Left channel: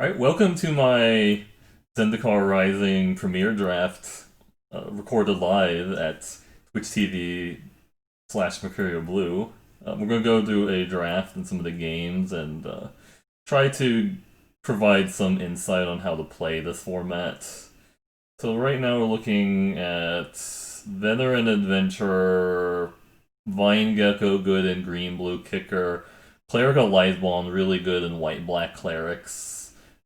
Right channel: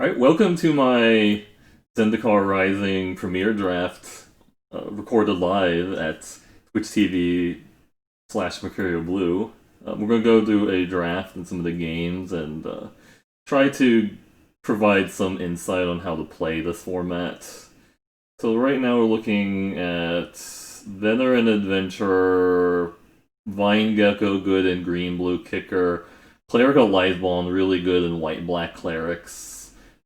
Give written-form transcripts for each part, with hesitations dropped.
Alright, welcome to my Zendikar Rising premiere draft, recorded live at Twitch TV slash Mercurio Blue. We're going to go through a draft and some of the games and try to provide some insight on how to play this format. So right now we're looking at Veteran Adventurer, Vine Gecko good in green-blue kicker, Clerical Lightbond really good in white-black clerics.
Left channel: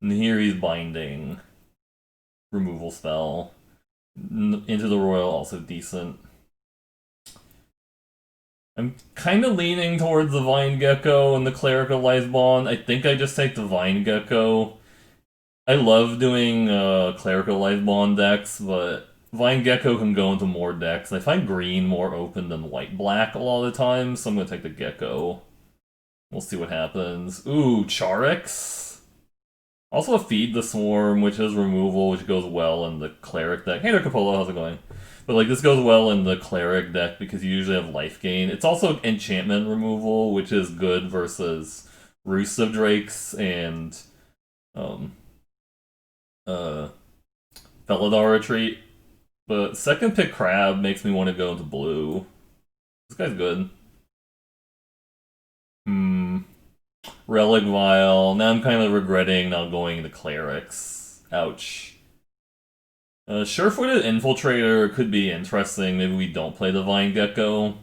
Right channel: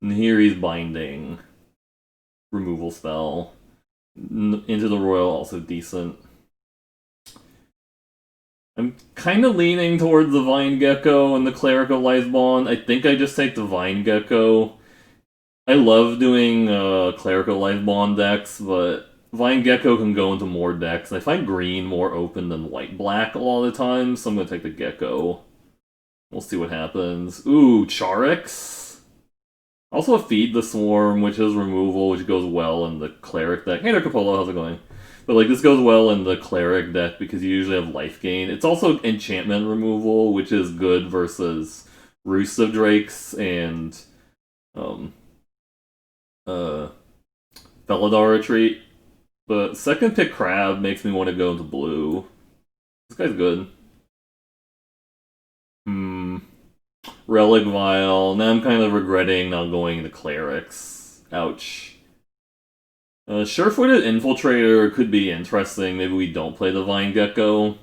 And here he's binding. Removal spell. Into the Royal, also decent. I'm kind of leaning towards the Vine Gecko and the Clerical Lightbond. I think I just take the Vine Gecko. I love doing Clerical Lightbond decks, but Vine Gecko can go into more decks. I find green more open than white-black a lot of the time, so I'm going to take the Gecko. We'll see what happens. Ooh, Charix. Also a Feed the Swarm, which is removal, which goes well in the Cleric deck. Hey there, Capolo, how's it going? But like this goes well in the Cleric deck because you usually have life gain. It's also enchantment removal, which is good versus Roost of Drakes and um Felidar Retreat. But second pick Crab makes me want to go into blue. This guy's good. Relic Vial. Now I'm kind of regretting not going into Clerics. Ouch. Sure-footed Infiltrator could be interesting. Maybe we don't play the Vine Gecko.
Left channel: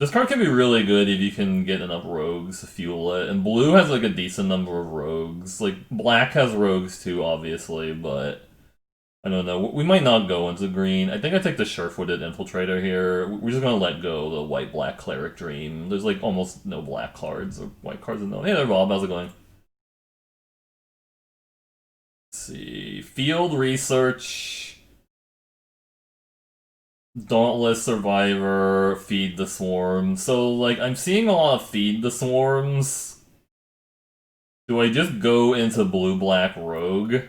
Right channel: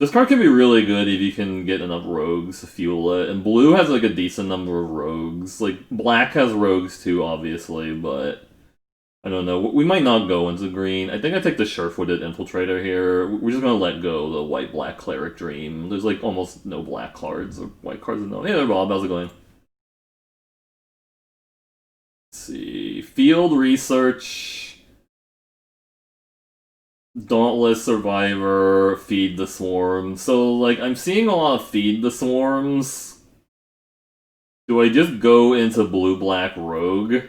This card can be really good if you can get enough rogues to fuel it. And blue has like a decent number of rogues. Like black has rogues too, obviously, but I don't know. We might not go into green. I think I take the sure-footed Infiltrator here. We're just gonna let go the white-black Cleric Dream. There's like almost no black cards or white cards in no. Hey there, Bob. How's it going? Let's see. Field Research. Dauntless Survivor. Feed the Swarm. So, like, I'm seeing a lot of Feed the Swarms. Do I just go into blue-black Rogue?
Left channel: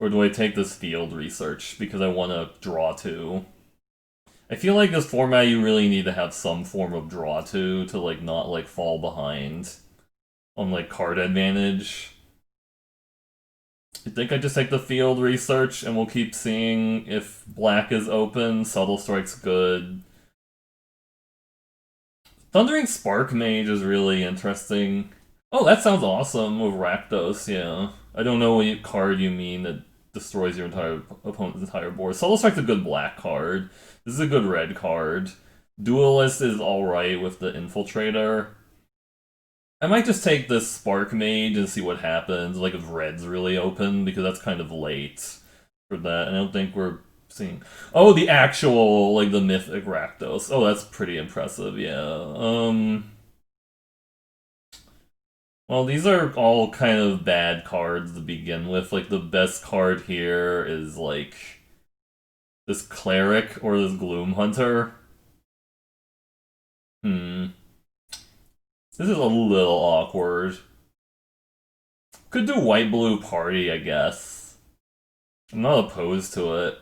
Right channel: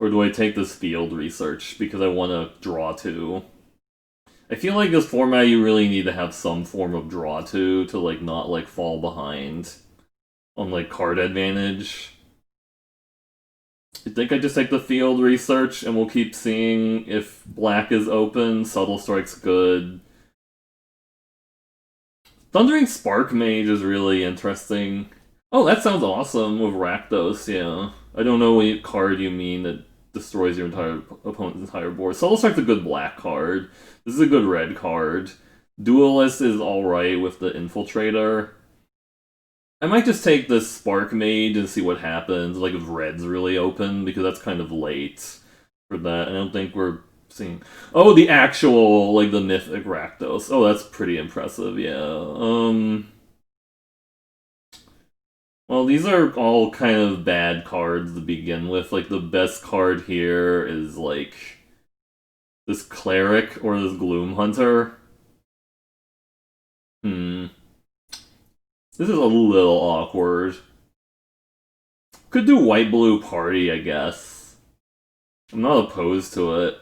Or do I take this Field Research because I want to draw two? I feel like this format you really need to have some form of draw two to like not like fall behind on like card advantage. I think I just take the Field Research and we'll keep seeing if black is open. Subtle Strike's good. Thundering Spark Mage is really interesting. Oh, that sounds awesome with Rakdos, yeah. I don't know what card you mean that destroys your entire opponent's entire board. Subtle Strike's a good black card. This is a good red card. Duelist is alright with the Infiltrator. I might just take this Spark Mage and see what happens, like if red's really open, because that's kind of late for that. I don't think we're seeing... Oh, the actual, like, the Mythic Rakdos. Oh, that's pretty impressive, yeah. Well, these are all kind of bad cards to begin with. Like, the best card here is, like, this Cleric or this Gloom Hunter. This is a little awkward. Could do white-blue party, I guess. I'm not opposed to it.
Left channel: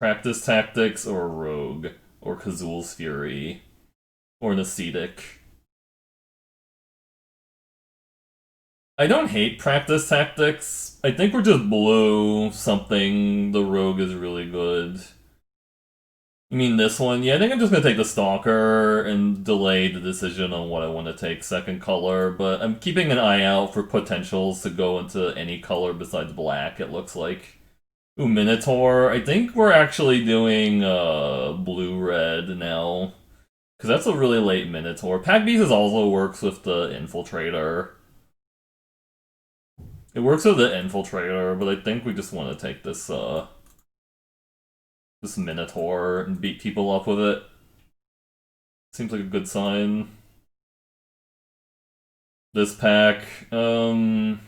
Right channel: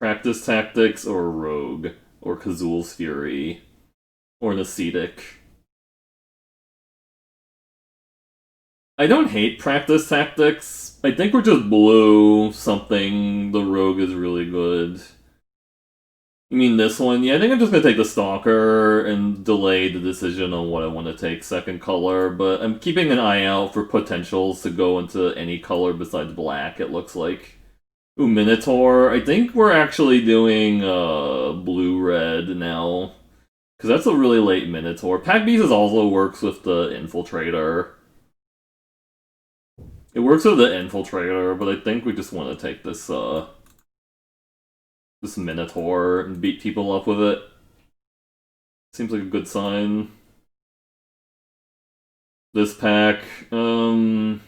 Practice Tactics or Rogue. Or Kazul's Fury. Or Nascetic. I don't hate Practice Tactics. I think we're just blue something. The Rogue is really good. You mean this one? Yeah, I think I'm just gonna take the Stalker and delay the decision on what I want to take second color, but I'm keeping an eye out for potentials to go into any color besides black, it looks like. Ooh, Minotaur. I think we're actually doing blue-red now. Because that's a really late Minotaur. Pack Beast also works with the Infiltrator. It works with the Infiltrator, but I think we just want to take this this Minotaur and beat people up with it. Seems like a good sign. This pack, Banner,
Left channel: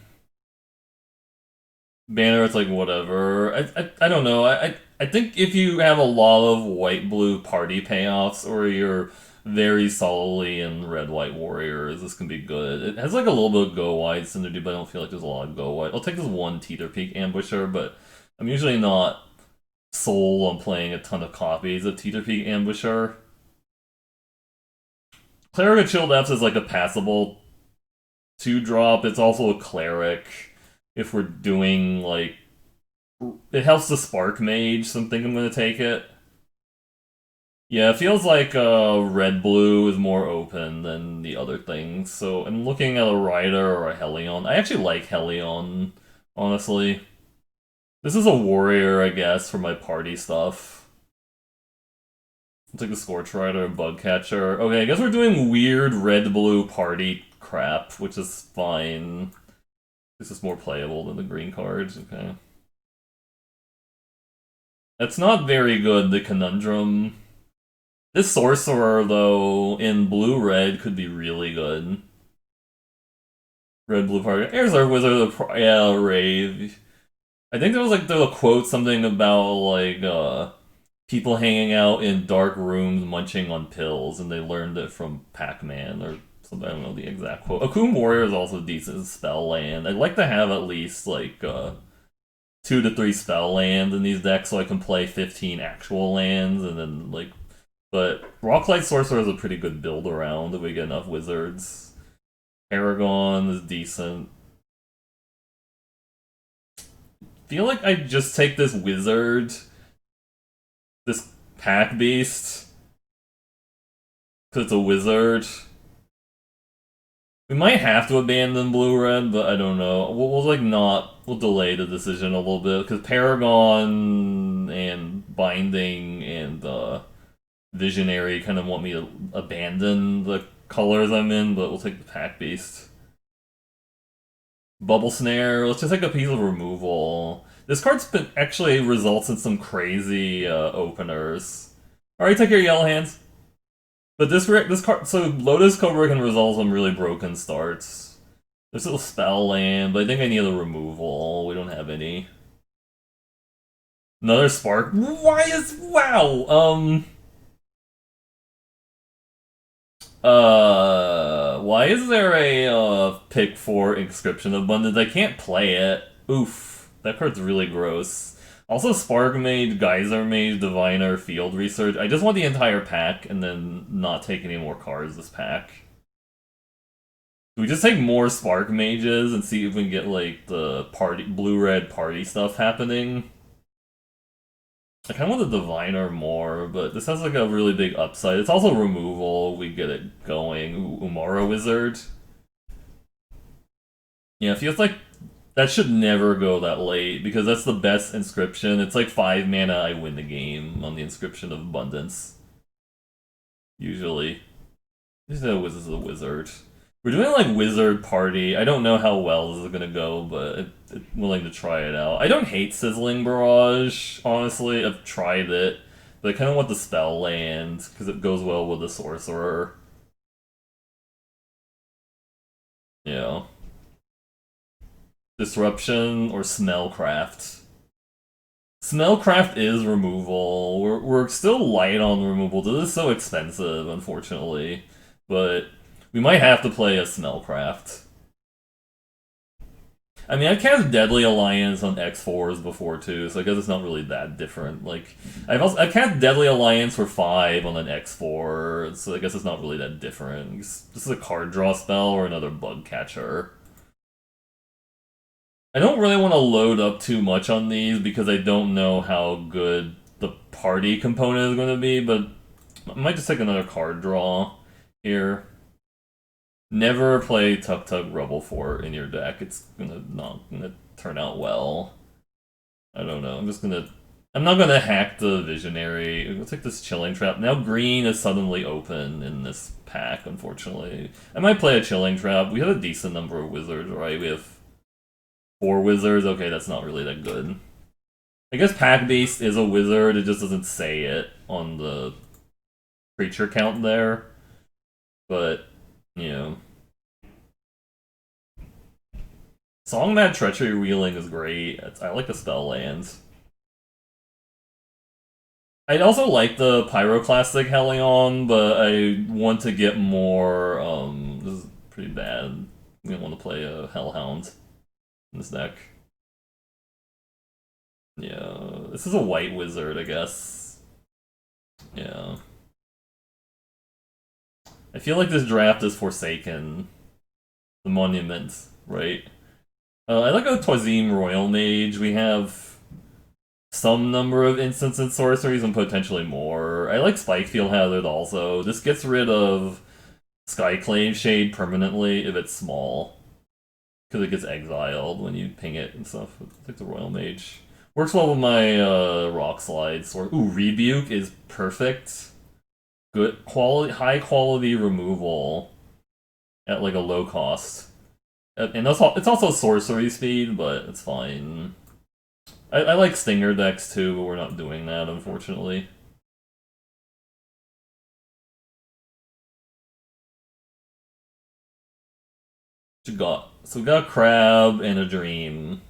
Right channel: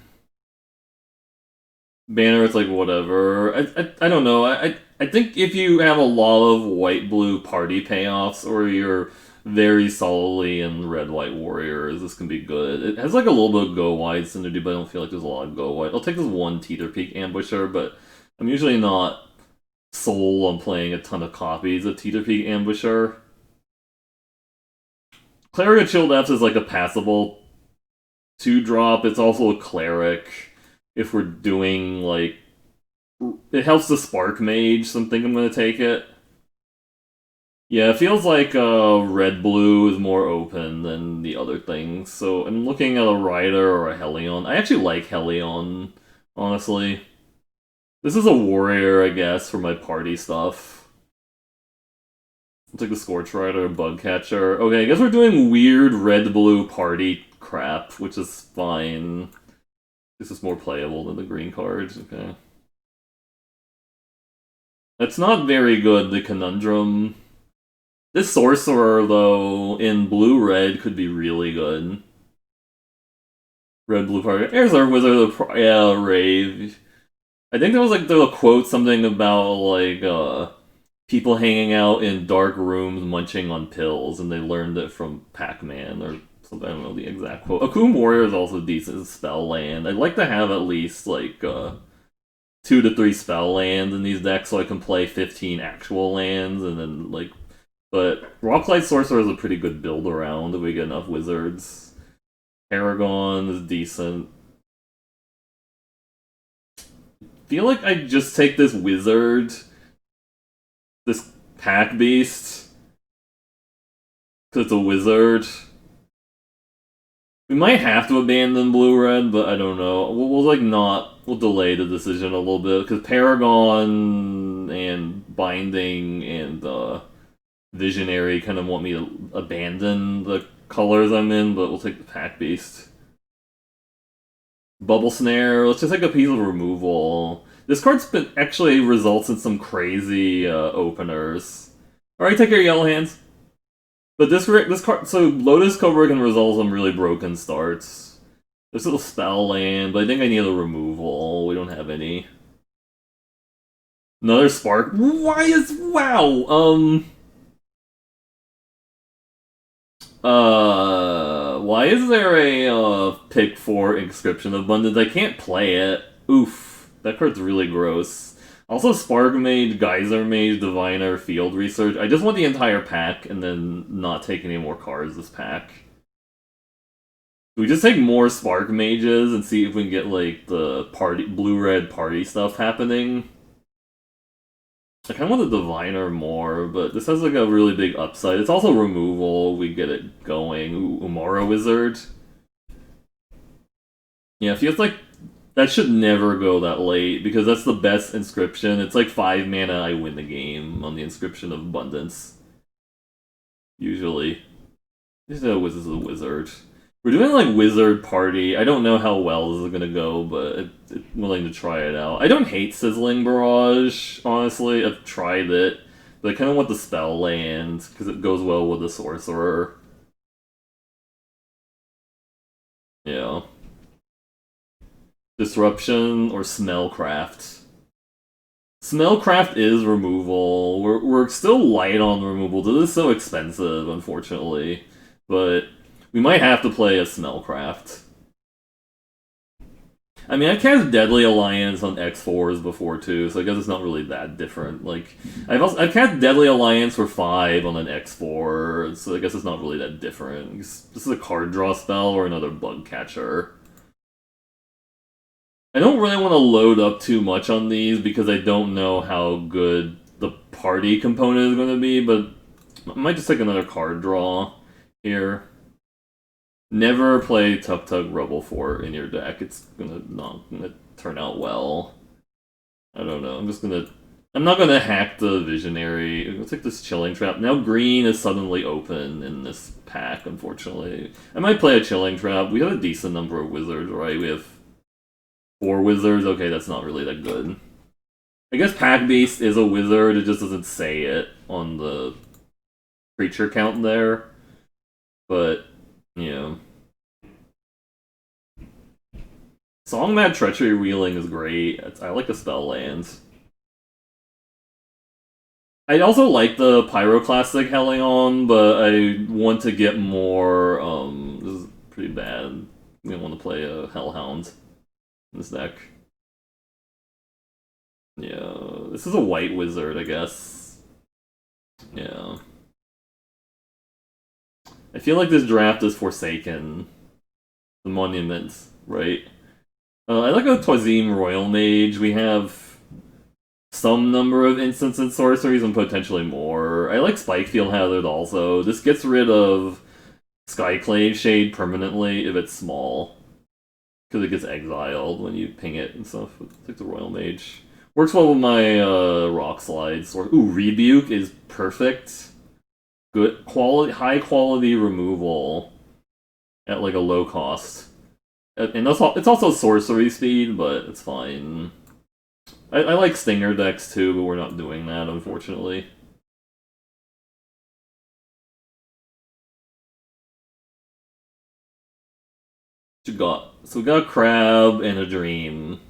it's like whatever. I don't know. I think if you have a lot of white-blue party payoffs, or you're very solidly in red-white warriors, this can be good. It has like a little bit of go-wide synergy, but I don't feel like there's a lot of go-wide. I'll take this one Teeter Peak Ambusher, but I'm usually not sold on playing a ton of copies of Teeter Peak Ambusher. Cleric of Chill Depths is like a passable 2-drop. It's also a cleric. If we're doing like, it helps the spark mage, so I think I'm gonna take it. Yeah, it feels like red blue is more open than the other things. So I'm looking at a Rider or a Helion. I actually like Helion, honestly. This is a warrior, I guess, for my party stuff. I'll take the Scorch Rider, Bug Catcher. Okay, I guess we're doing weird red-blue party crap, which is fine. This is more playable than the green cards, okay. That's not very good, the Conundrum. This Sorcerer, though, in blue-red could be really good. Red-blue party. Here's our Wizard of the yeah, Rave. I think there was like a quote something about like people hanging out in dark rooms munching on pills, and they learned it from Pac-Man or something. I don't know the exact quote. Akum Warrior is also a decent spell land. I'd like to have at least like 2 to 3 spell lands in these decks so I can play 15 actual lands, and then like. But Rocklight Sorcerer is a pretty good build around if we get enough wizards. Paragon is decent. Feel like I just take this wizard, this pack beast, because it's a wizard. We might have to abandon blue-red, but I don't know. We'll like not. We'll delay the decision a little bit because Paragon and Binding and Visionary kind of want me to abandon the colors I'm in, but we'll take the pack beast. Bubble Snare. Let's just take a piece of removal. This card's been actually results in some crazy openers. All right, take your yellow hands. But this card, so Lotus Cobra can resolve some really broken starts. There's a little spell land, but I think I need a removal. We don't have any. Another spark. Wow. Why is there a pick 4 Inscription Abundance? I can't play it. Oof, that card's really gross. Also, Spark Mage, Geyser Mage, Diviner, Field Research. I just want the entire pack and then not take any more cards this pack. Do we just take more Spark Mages and see if we can get like the party blue-red party stuff happening? I kind of want the Diviner more, but this has like a really big upside. It's also removal. We get it going. Ooh, Umara Wizard. Yeah, it feels like that should never go that late because that's the best inscription. It's like 5 mana, I win the game on the Inscription of Abundance. Usually. This is a wizard. We're doing like wizard party. I don't know how well this is gonna go, but I'm willing to try it out. I don't hate Sizzling Barrage, honestly. I've tried it, but I kind of want the spell land because it goes well with the sorcerer. Yeah. Disruption or Smellcraft. Smellcraft is removal. We're still light on removal. This is so expensive, unfortunately, but. We might have to play a Smellcraft. I mean, I've cast Deadly Alliance on X4s before too, so I guess it's not really that different. Like, I've cast Deadly Alliance for 5 on an X4, so I guess it's not really that different. This is a card draw spell or another Bug Catcher. I don't really want to load up too much on these because I don't know how good the party component is going to be, but I might just take another card draw here. Never play Tuk Tuk Rubble Fort in your deck. It's not gonna turn out well. I don't know. I'm not gonna hack the Visionary. I'm gonna take this Chilling Trap. Now green is suddenly open in this pack, unfortunately. I might play a Chilling Trap. We have a decent number of wizards, right? We have 4 wizards. Okay, that's not really that good. I guess Pack Beast is a wizard. It just doesn't say it on the creature count there. But yeah. Songmad Treachery Wheeling is great. I like the spell lands. I also like the Pyroclastic Helion, but I want to get more. This is pretty bad. I want to play a Hellhound in this deck. Yeah, this is a white wizard, I guess. Yeah. I feel like this draft is Forsaken. the monuments, right? I like a Twazim Royal Mage. We have some number of instants and sorceries and potentially more. I like Spikefield Hazard also. This gets rid of Skyclave Shade permanently if it's small. Because it gets exiled when you ping it and stuff. It's like the Royal Mage. Works well with my Rock Slide sword. Ooh, Rebuke is perfect. Good quality, high quality removal at like a low cost. And it's also sorcery speed, but it's fine. I like Stinger decks too, but we're not doing that, unfortunately. What you got? So we got a Crab and a Dream.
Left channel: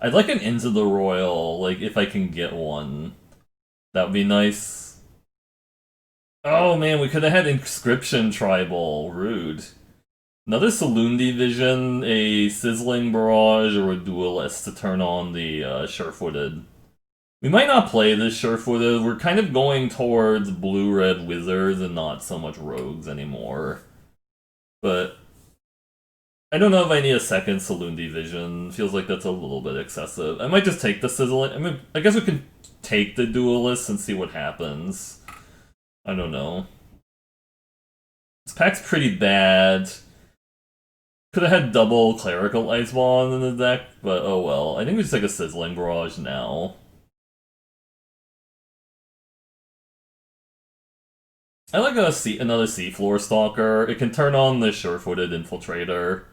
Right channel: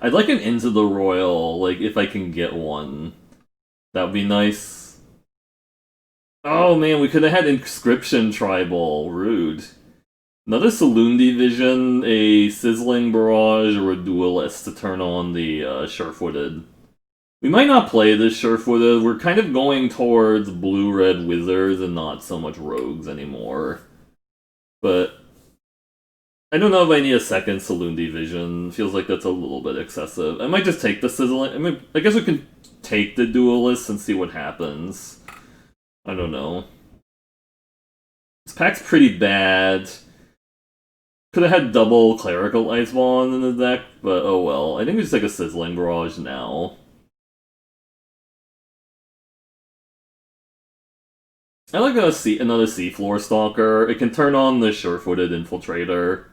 I'd like an Into the Royal, like, if I can get one. That would be nice. Oh man, we could have had Inscription Tribal. Rude. Another Saloon Division, a Sizzling Barrage, or a Duelist to turn on the Sure-Footed. We might not play this Sure-Footed. We're kind of going towards Blue-Red Wizards and not so much Rogues anymore. But I don't know if I need a second Saloon Division. Feels like that's a little bit excessive. I might just take the Sizzling... I mean, I guess we can take the Duelist and see what happens. I don't know. This pack's pretty bad. Could have had double Clerical Icebond in the deck, but oh well. I think we just take a Sizzling Barrage now. I like another Seafloor Stalker. It can turn on the Sure-Footed Infiltrator.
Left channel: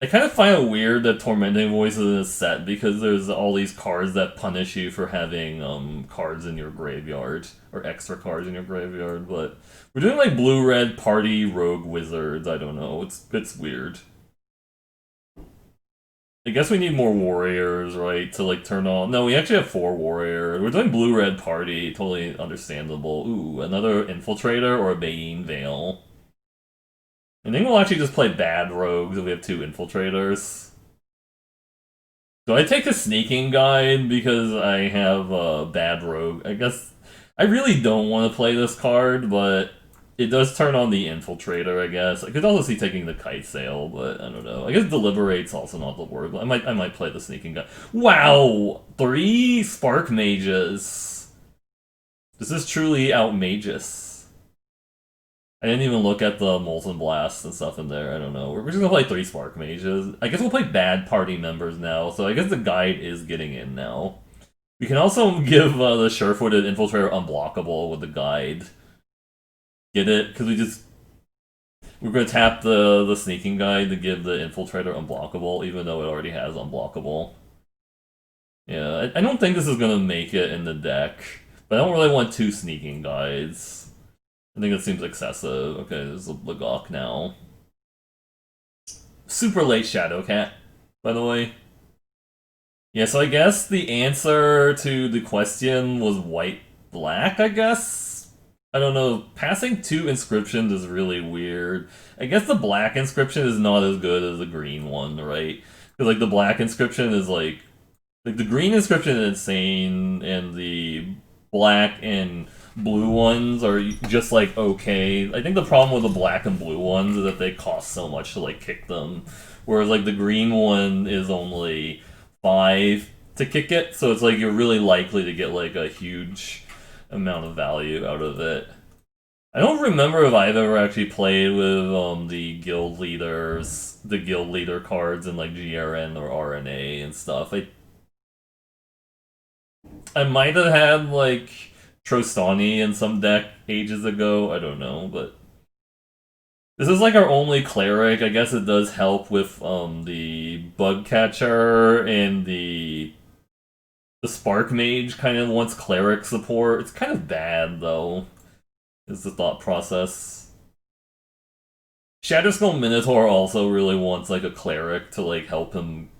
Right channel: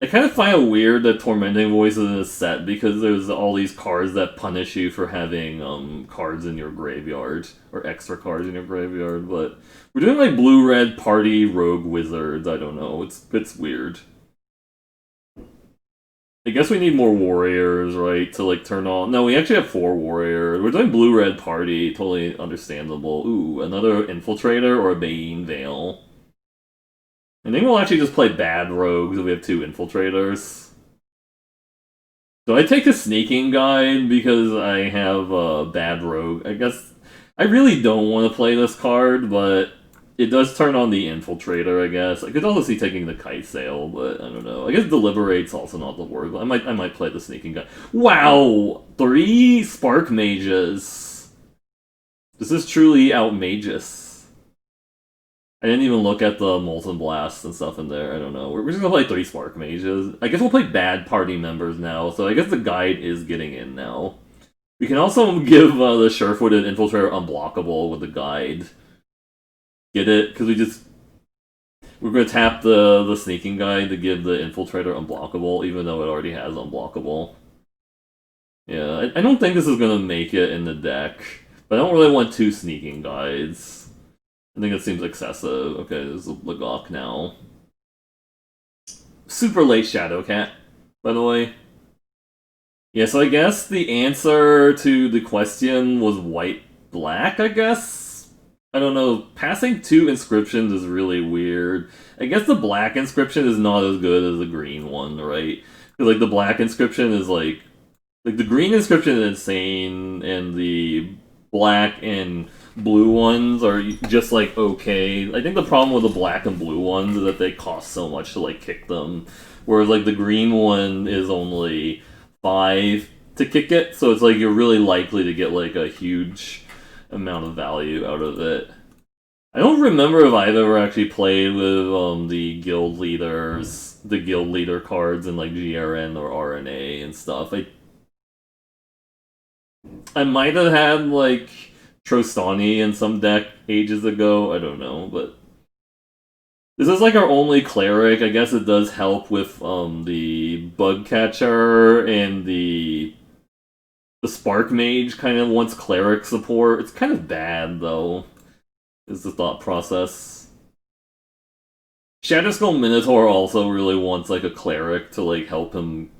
I kind of find it weird that Tormenting Voice is in a set because there's all these cards that punish you for having cards in your graveyard, or extra cards in your graveyard, but we're doing like blue-red party rogue wizards, I don't know, it's weird. I guess we need more warriors, right, to like turn on... No, we actually have 4 warriors. We're doing blue-red party, totally understandable. Ooh, another Infiltrator or a Bane Veil. I think we'll actually just play bad rogues if we have 2 infiltrators. Do I take a sneaking guide because I have a bad rogue? I guess I really don't want to play this card, but it does turn on the infiltrator, I guess. I could also see taking the kite sail, but I don't know. I guess deliberate's also not the word, but I might play the sneaking guide. Wow! 3 spark mages. This is truly outmageous. I didn't even look at the Molten Blast and stuff in there. I don't know. We're just gonna play 3 Spark Mages. I guess we'll play bad party members now, so I guess the guide is getting in now. We can also give the Sure-Footed Infiltrator unblockable with the guide. Get it? Because we're gonna tap the Sneaking Guide to give the Infiltrator unblockable, even though it already has unblockable. Yeah, I don't think this is gonna make it in the deck, but I don't really want 2 Sneaking Guides. I think it seems excessive. Okay, there's a Lagok now. Super late Shadowcat, by the way. Yeah, so I guess the answer to the question was white-black, I guess? I don't know. Passing 2 inscriptions is really weird. I guess the black inscription is not as good as the green one, right? Because, like, the black inscription is, like... Like, the green inscription is insane, and the black and blue ones are just like okay. I think the problem with the black and blue ones is that they cost so much to like kick them, whereas like the green one is only 5 to kick it, so it's like you're really likely to get like a huge amount of value out of it. I don't remember if I've ever actually played with the guild leader cards in like GRN or RNA and stuff. I might have had like Trostani in some deck ages ago. I don't know, but this is like our only cleric. I guess it does help with the bug catcher, and the spark mage kind of wants cleric support. It's kind of bad though, is the thought process. Shatterskull Minotaur also really wants like a cleric to like help him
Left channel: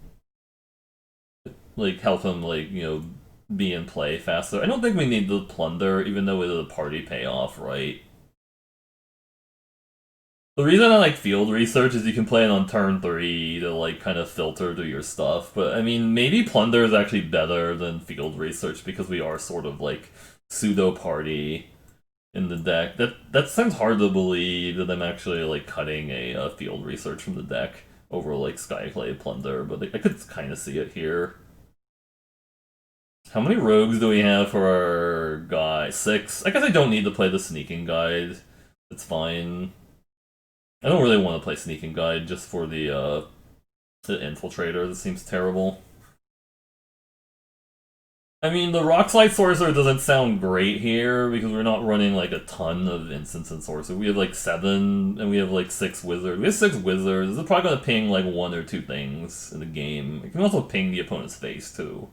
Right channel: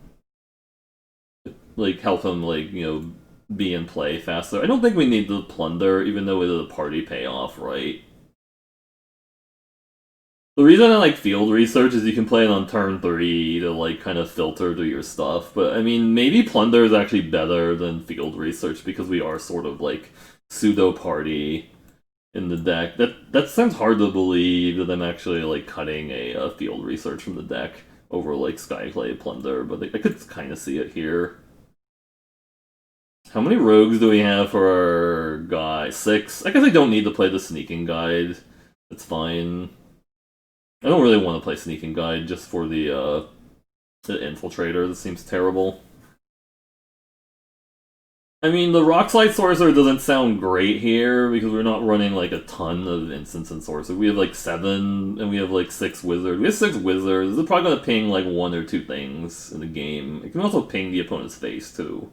you know, be in play faster. I don't think we need the plunder, even though it is a party payoff, right? The reason I like field research is you can play it on turn 3 to like kind of filter to your stuff, but I mean maybe plunder is actually better than field research because we are sort of like pseudo party. in the deck. That sounds hard to believe that I'm actually like cutting a field research from the deck over like Skyclave Plunder, but like, I could kind of see it here. How many rogues do we have for our guy? 6? I guess I don't need to play the sneaking guide. It's fine. I don't really want to play sneaking guide just for the infiltrator. That seems terrible. I mean, the Rockslide Sorcerer doesn't sound great here because we're not running like a ton of instants and sorcerer. We have like 7 and we have like 6 wizards. We have 6 wizards. They're probably gonna ping like 1 or 2 things in the game. It can also ping the opponent's face too,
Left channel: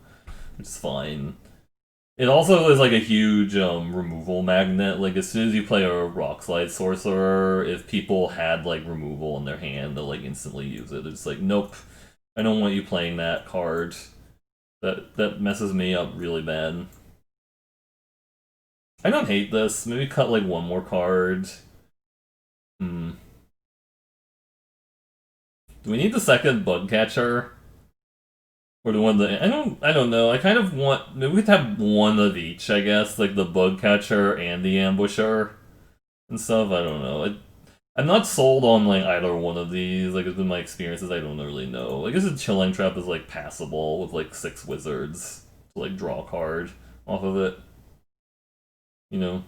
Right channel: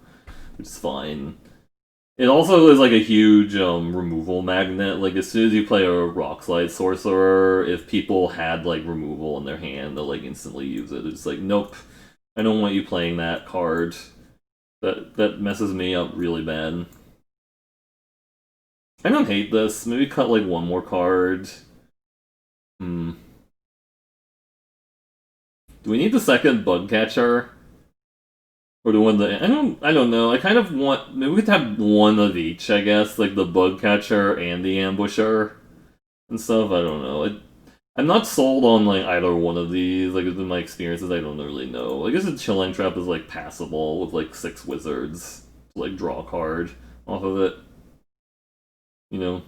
which is fine. It also is like a huge removal magnet. Like as soon as you play a Rockslide Sorcerer, if people had like removal in their hand, they'll like instantly use it. They're just like, nope, I don't want you playing that card. That messes me up really bad. I don't hate this. Maybe cut like 1 more card. Hmm. Do we need the second bug catcher? Or the one that I don't know. I kind of want maybe we could have one of each, I guess, like the bug catcher and the ambusher and stuff. I don't know. I'm not sold on like either one of these. Like in my experiences, I don't really know. I guess a chilling trap is like passable with like 6 wizards to like draw a card off of it. You know.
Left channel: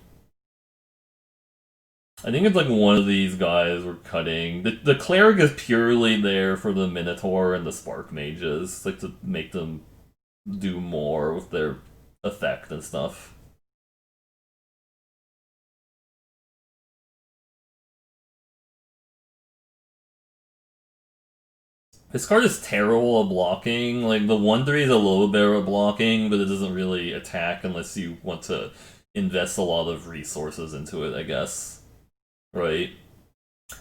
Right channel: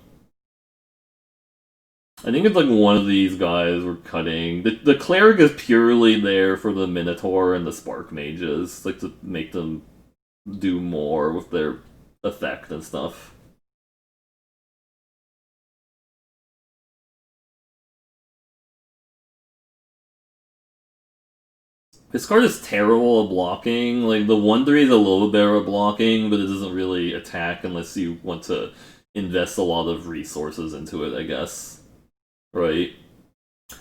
I think it's like one of these guys we're cutting. The cleric is purely there for the Minotaur and the Spark Mages, like to make them do more with their effect and stuff. This card is terrible at blocking. Like the 1/3 is a little bit better at blocking, but it doesn't really attack unless you want to invest a lot of resources into it, I guess. Right?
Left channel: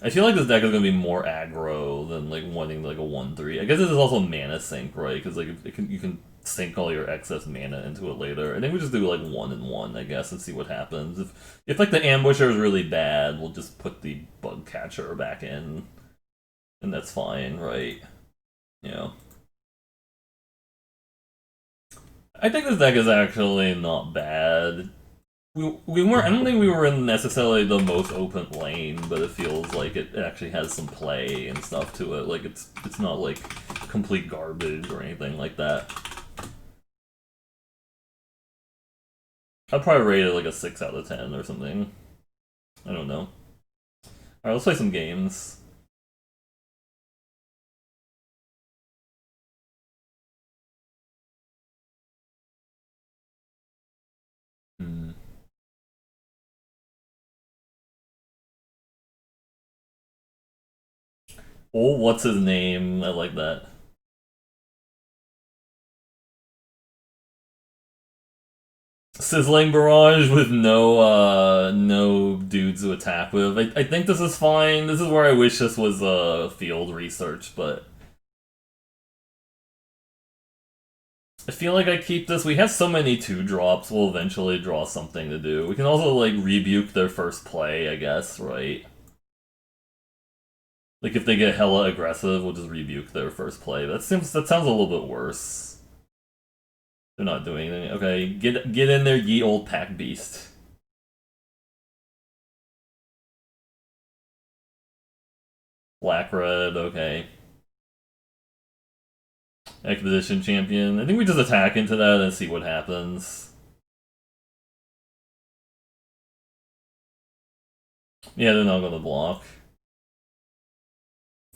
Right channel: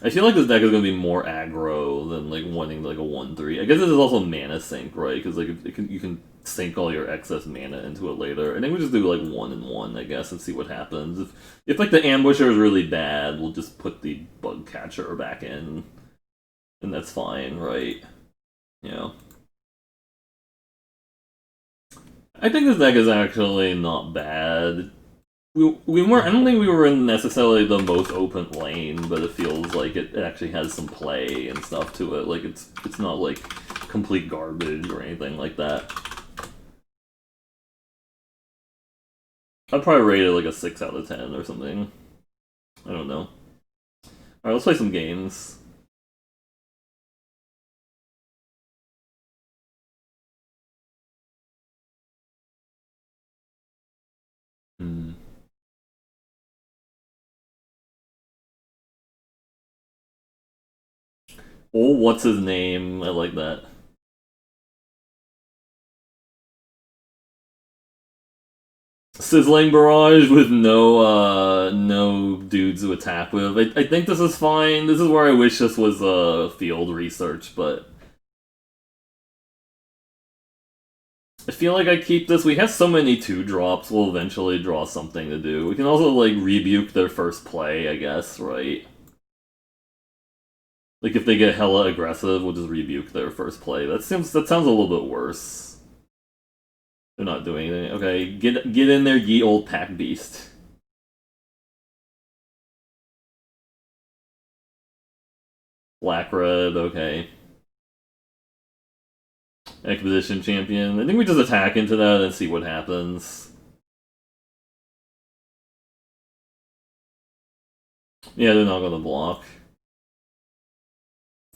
I feel like this deck is gonna be more aggro than like wanting like a 1/3. I guess this is also mana sink, right? Because like you can sink all your excess mana into it later. And then we just do like 1 and 1, I guess, and see what happens. If like the ambusher is really bad, we'll just put the bug catcher back in, and that's fine, right? Yeah. I think this deck is actually not bad. We weren't. I don't think we were in necessarily the most open lane, but it feels like it actually has some play and stuff to it. Like it's not like complete garbage or anything like that. I'd probably rate it like a 6 out of 10 or something. I don't know. All right, let's play some games. Hmm. Oh, what's his name? I like that. Sizzling barrage with no dudes to attack with. I think this is fine. This is where I wish this was field research, but I feel like I keep this. We have so many 2 drops, we'll eventually draw something to do. We can also like rebuke their first play, I guess, right? Like if they get hella aggressive, we'll just rebuke their first play. That sounds a little bit worse. They're not doing anything. Okay, get in there, ye old pack beast. Black red, okay. Exposition champion. I think we just attack into that and see what happens. Yeah, they're not gonna block.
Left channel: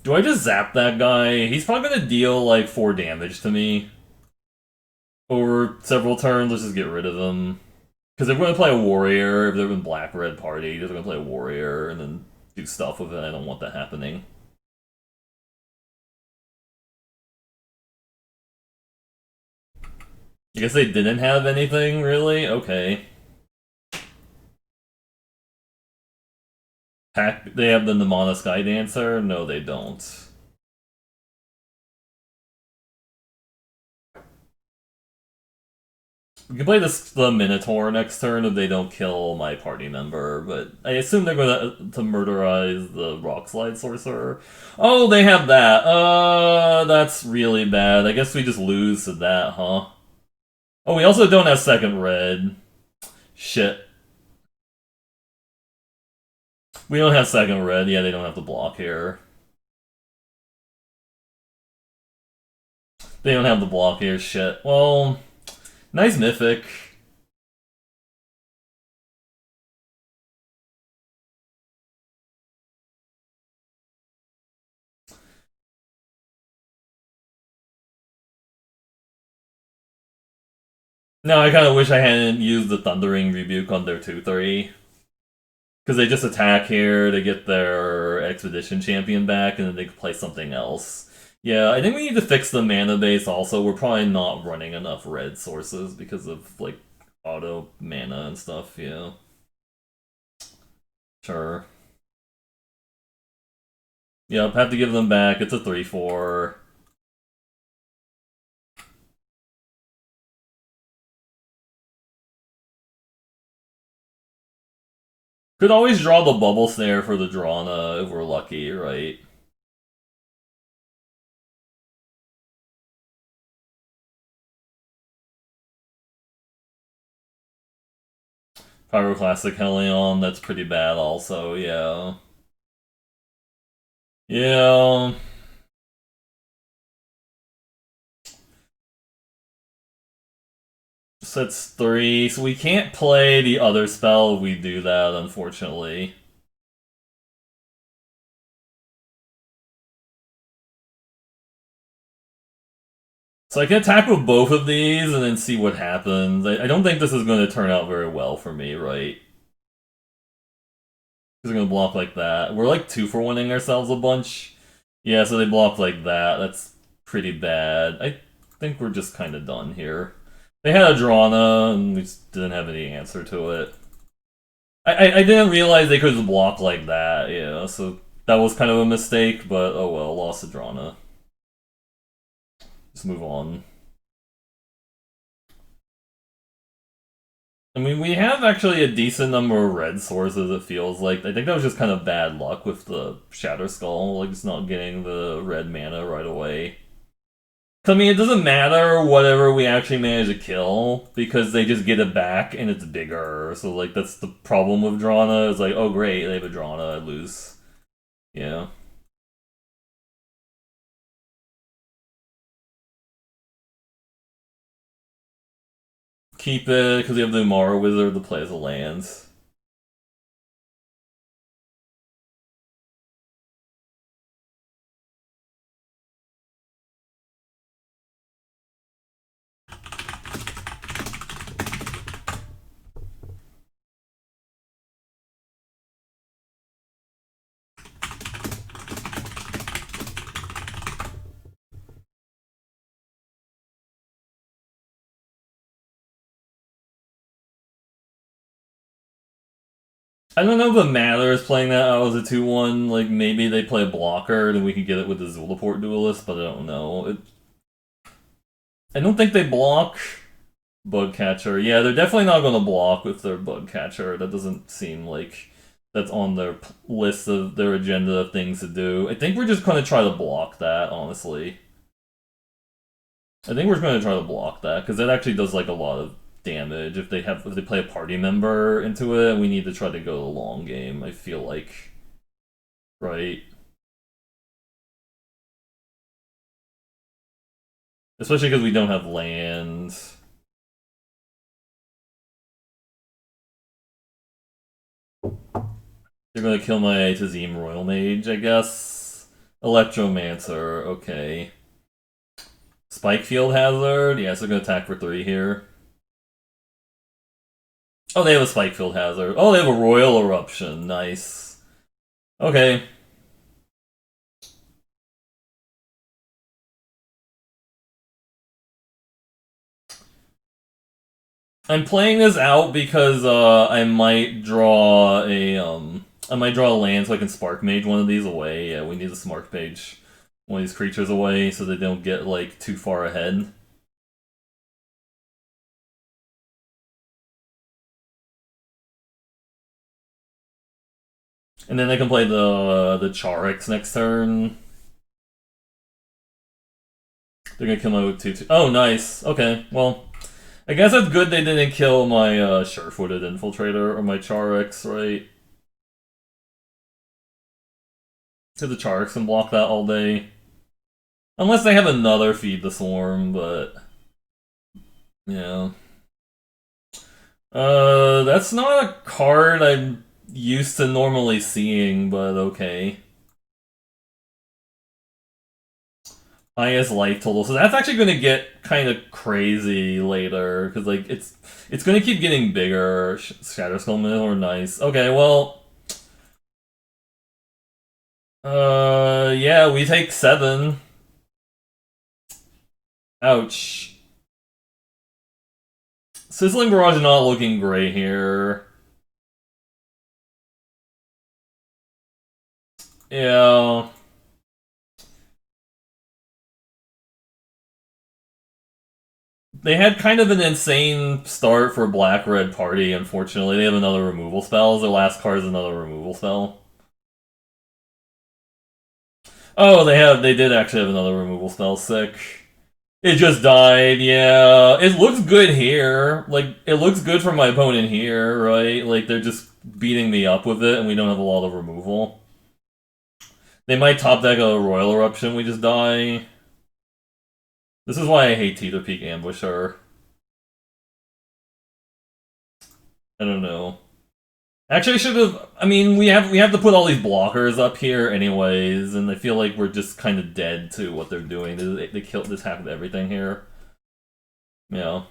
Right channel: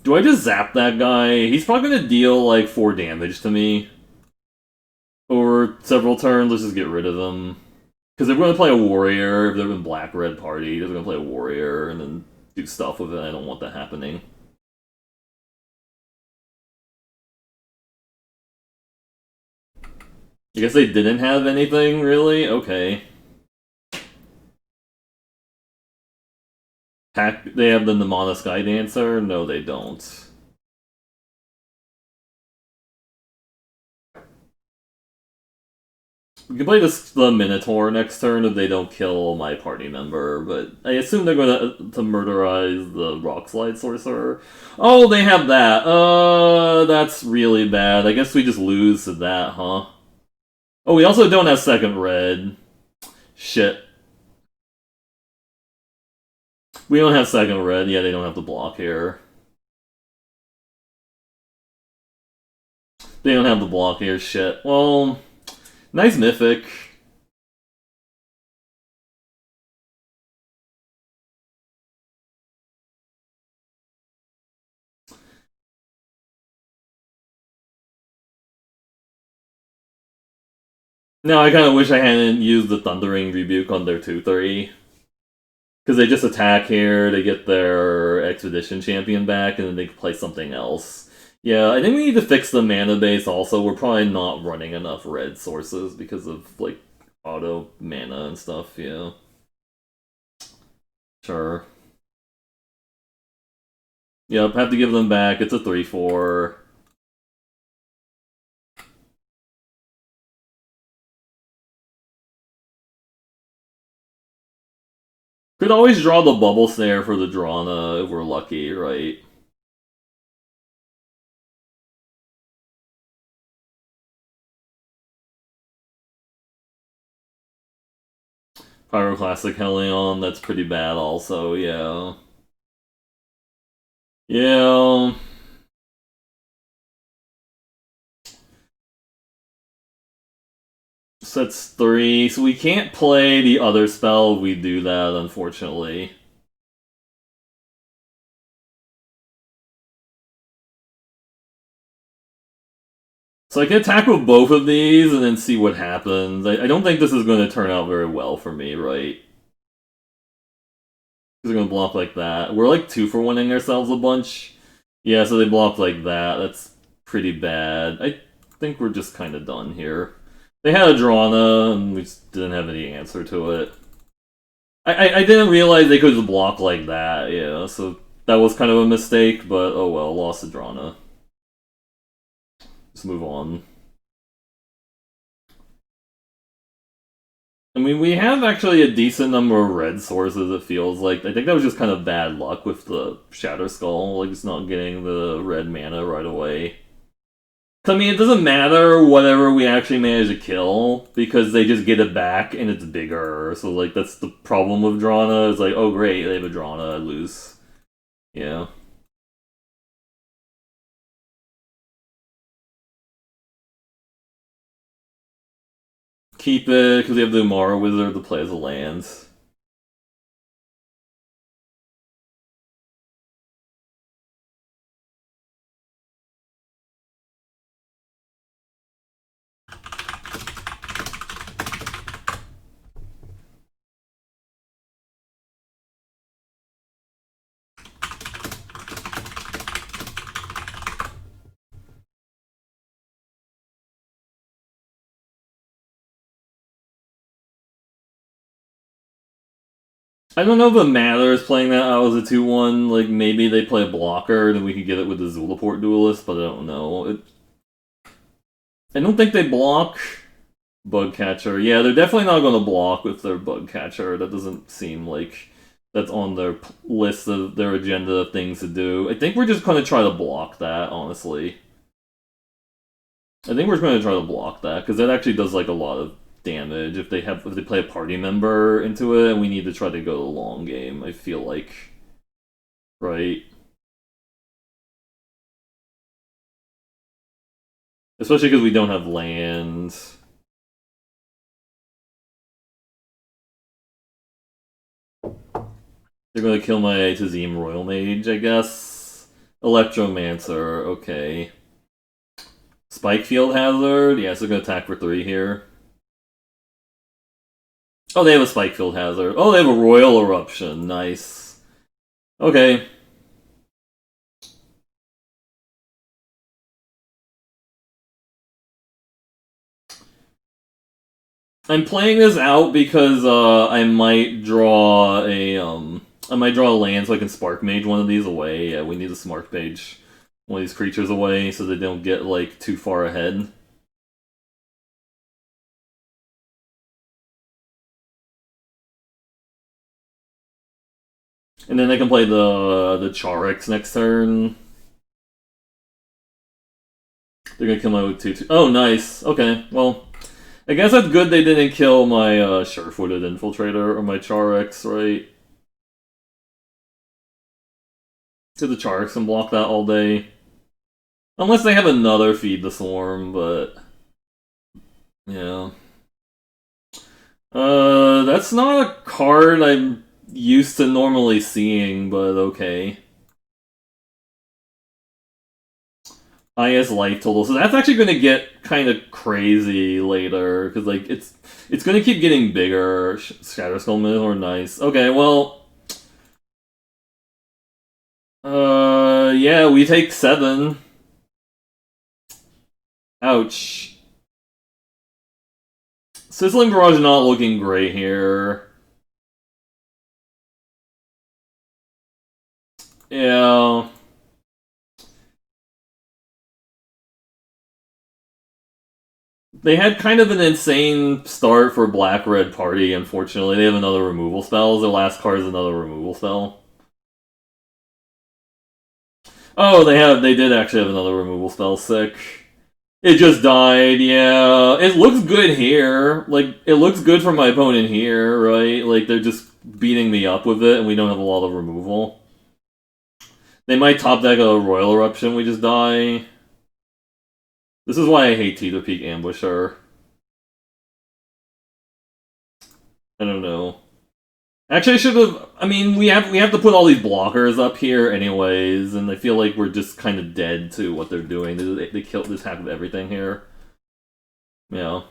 Do I just zap that guy? He's probably gonna deal like 4 damage to me over several turns. Let's just get rid of him. Because they're going to play a warrior. If they're in black red party, they're going to play a warrior and then do stuff with it. I don't want that happening. I guess they didn't have anything really. Okay. Pack. They have the Namana Sky Dancer. No, they don't. We can play the Minotaur next turn if they don't kill my party member, but I assume they're gonna to murderize the Rockslide Sorcerer. Oh, they have that. That's really bad. I guess we just lose to that, huh? Oh, we also don't have second red. Shit. We don't have second red. Yeah, they don't have to block here. They don't have the block here. Shit. Well, nice mythic. No, I kind of wish I hadn't used the Thundering Rebuke on their 2-3. Because they just attack here, they get their Expedition Champion back, and then they can play something else. Yeah, I think we need to fix the mana base also. We're probably not running enough red sources because of, like, auto mana and stuff, yeah. Sure. Yep, have to give them back. It's a 3-4. Could always draw the Bubble Snare for the Drana if we're lucky, right? Pyroclastic Helion, that's pretty bad also, yeah. Yeah. Sets 3, so we can't play the other spell if we do that, unfortunately. So I can attack with both of these and then see what happens. I don't think this is going to turn out very well for me, right? Because they're going to block like that. We're like 2-for-1ing ourselves a bunch. Yeah, so they block like that. That's pretty bad. I think we're just kind of done here. They had a Drana, and we just didn't have any answer to it. I didn't realize they could just block like that, yeah, so that was kind of a mistake, but oh well, lost to Drana. Let's move on. I mean, we have actually a decent number of red sources, it feels like. I think that was just kind of bad luck with the Shatter Skull, like just not getting the red mana right away. I mean, it doesn't matter whatever we actually manage to kill, because they just get it back and it's bigger. So, like, that's the problem with Drana, is like, oh great, they have a Drana, I lose. Yeah. Keep it, because we have the Umara Wizard to play as a lands. I don't know if it matters playing that out as a 2-1. Like, maybe they play a blocker, then we can get it with the Zulaport Duelist, but I don't know. I don't think they block Bugcatcher. Yeah, they're definitely not going to block with their Bugcatcher. That doesn't seem like that's on their list of their agenda of things to do. I think we're just going to try to block that, honestly. I think we're going to try to block that, because that actually does, like, a lot of damage if they play a party member into it, and we need to try to go the long game, I feel like. Right? Especially because we don't have land. They're gonna kill my Tazim Royal Mage, I guess. Electromancer, okay. Spike Field Hazard, yeah, so they're gonna attack for 3 here. Oh, they have a Spike Field Hazard. Oh, they have a Royal Eruption, nice. Okay. I'm playing this out because I might draw a land so I can Spark Mage one of these away. Yeah, we need to Spark Mage one of these creatures away so they don't get like too far ahead. And then I can play the Charix next turn. They're gonna kill my with 2/2. Oh, nice. Okay, well, I guess that's good they didn't kill my Sure-Footed Infiltrator or my Charix, right? to the Charks and block that all day. Unless they have another Feed the Swarm, but yeah. That's not a card I'm used to normally seeing, but okay. Highest life total. So that's actually going to get kind of crazy later, because like it's going to keep getting bigger. Shatterskull Minotaur, nice. Okay, well, yeah, we take 7. Ouch. Sizzling Barrage not looking great here. Yeah. They had kind of an insane start for Black Red Party, unfortunately. They have another removal spell. Their last card is another removal spell. Oh, they did actually have another removal spell. Sick. It just died, yeah. It looks good here. Like, it looks good for my opponent here, right? Like, they're just beating me up with it, and we don't have a lot of removal. They might top deck a Royal Eruption, we just die. This is why I hate Teeter Peak Ambusher. I don't know. Actually, I should have. I mean, we have to put all these blockers up here, anyways, and I feel like we're just kind of dead to what they're doing. They killed this half of everything here. Yeah.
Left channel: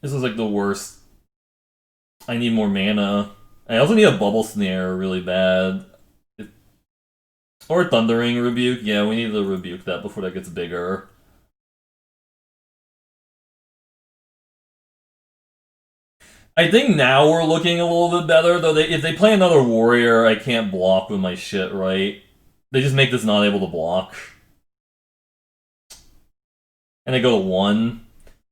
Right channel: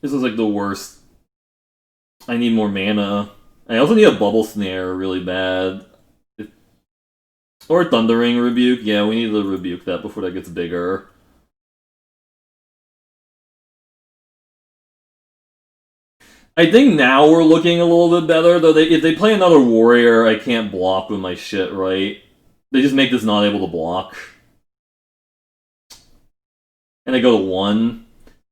This is like the worst. I need more mana. I also need a Bubble Snare really bad. Or Thundering Rebuke. Yeah, we need to rebuke that before that gets bigger. I think now we're looking a little bit better, though. If they play another Warrior, I can't block with my shit, right? They just make this not able to block. And they go to 1.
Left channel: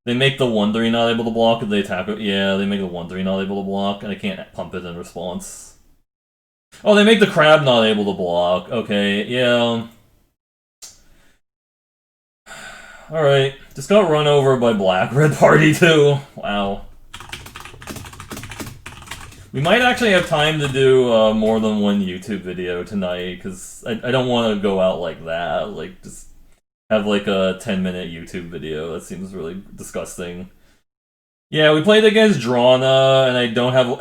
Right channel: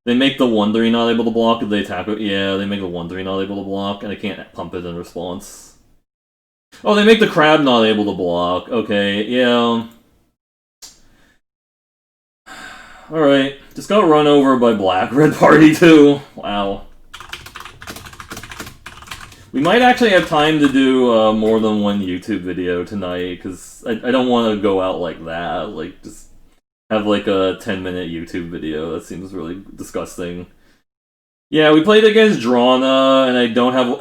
They make the 1/3 not able to block if they attack it. Yeah, they make the 1/3 not able to block, and I can't pump it in response. Oh, they make the Crab not able to block. Okay, yeah. Alright, just got run over by Black Red Party too. Wow. We might actually have time to do more than one YouTube video tonight, because I don't want to go out like that. Like, just have like a 10-minute YouTube video. That seems really disgusting. Yeah, we played against Drana,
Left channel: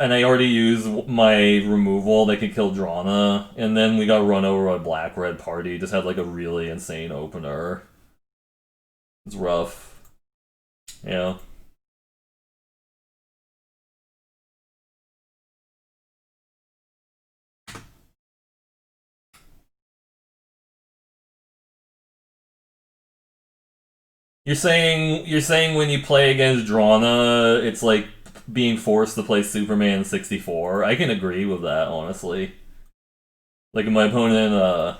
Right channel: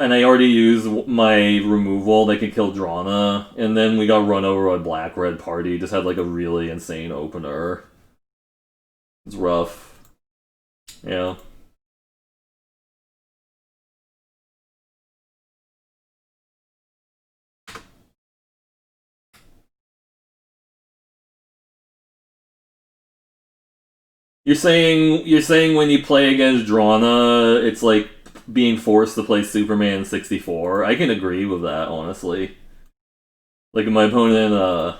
and I already used my removal that can kill Drana, and then we got run over by Black Red Party. Just had like a really insane opener. It's rough. Yeah. You're saying when you play against Drana, it's like being forced to play Superman 64. I can agree with that, honestly. Like if my opponent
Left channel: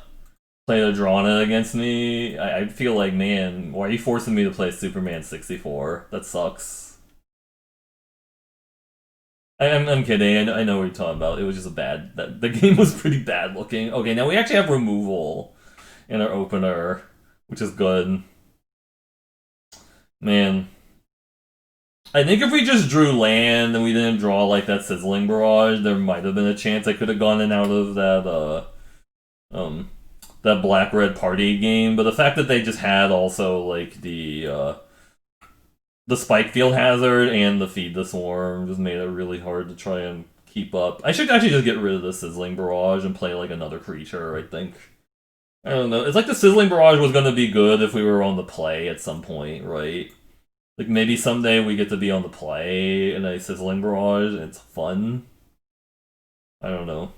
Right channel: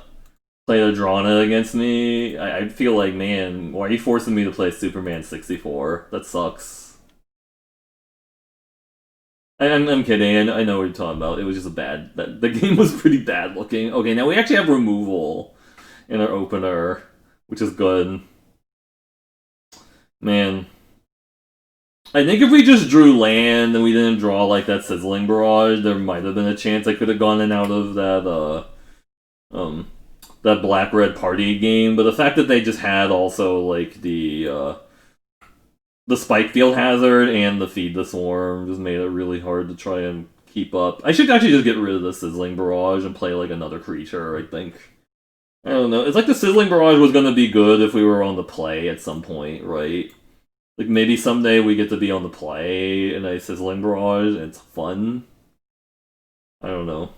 played a Drana against me, I feel like, man, why are you forcing me to play Superman 64? That sucks. I'm kidding. I know what you're talking about. It was just a bad. The game was pretty bad looking. Okay, now we actually have removal in our opener, which is good. Man. I think if we just drew land and we didn't draw like that Sizzling Barrage, there might have been a chance I could have gone in out of that Black Red Party game. But the fact that they just had also like the Spike Field Hazard and the Feed the Swarm just made it really hard to try and keep up. I should actually just get rid of the Sizzling Barrage and play like another creature, I think. I don't know. It's like the Sizzling Barrage was going to be good if we were on the play at some point, right? Like maybe someday we get to be on the play in a Sizzling Barrage and it's fun. I don't know.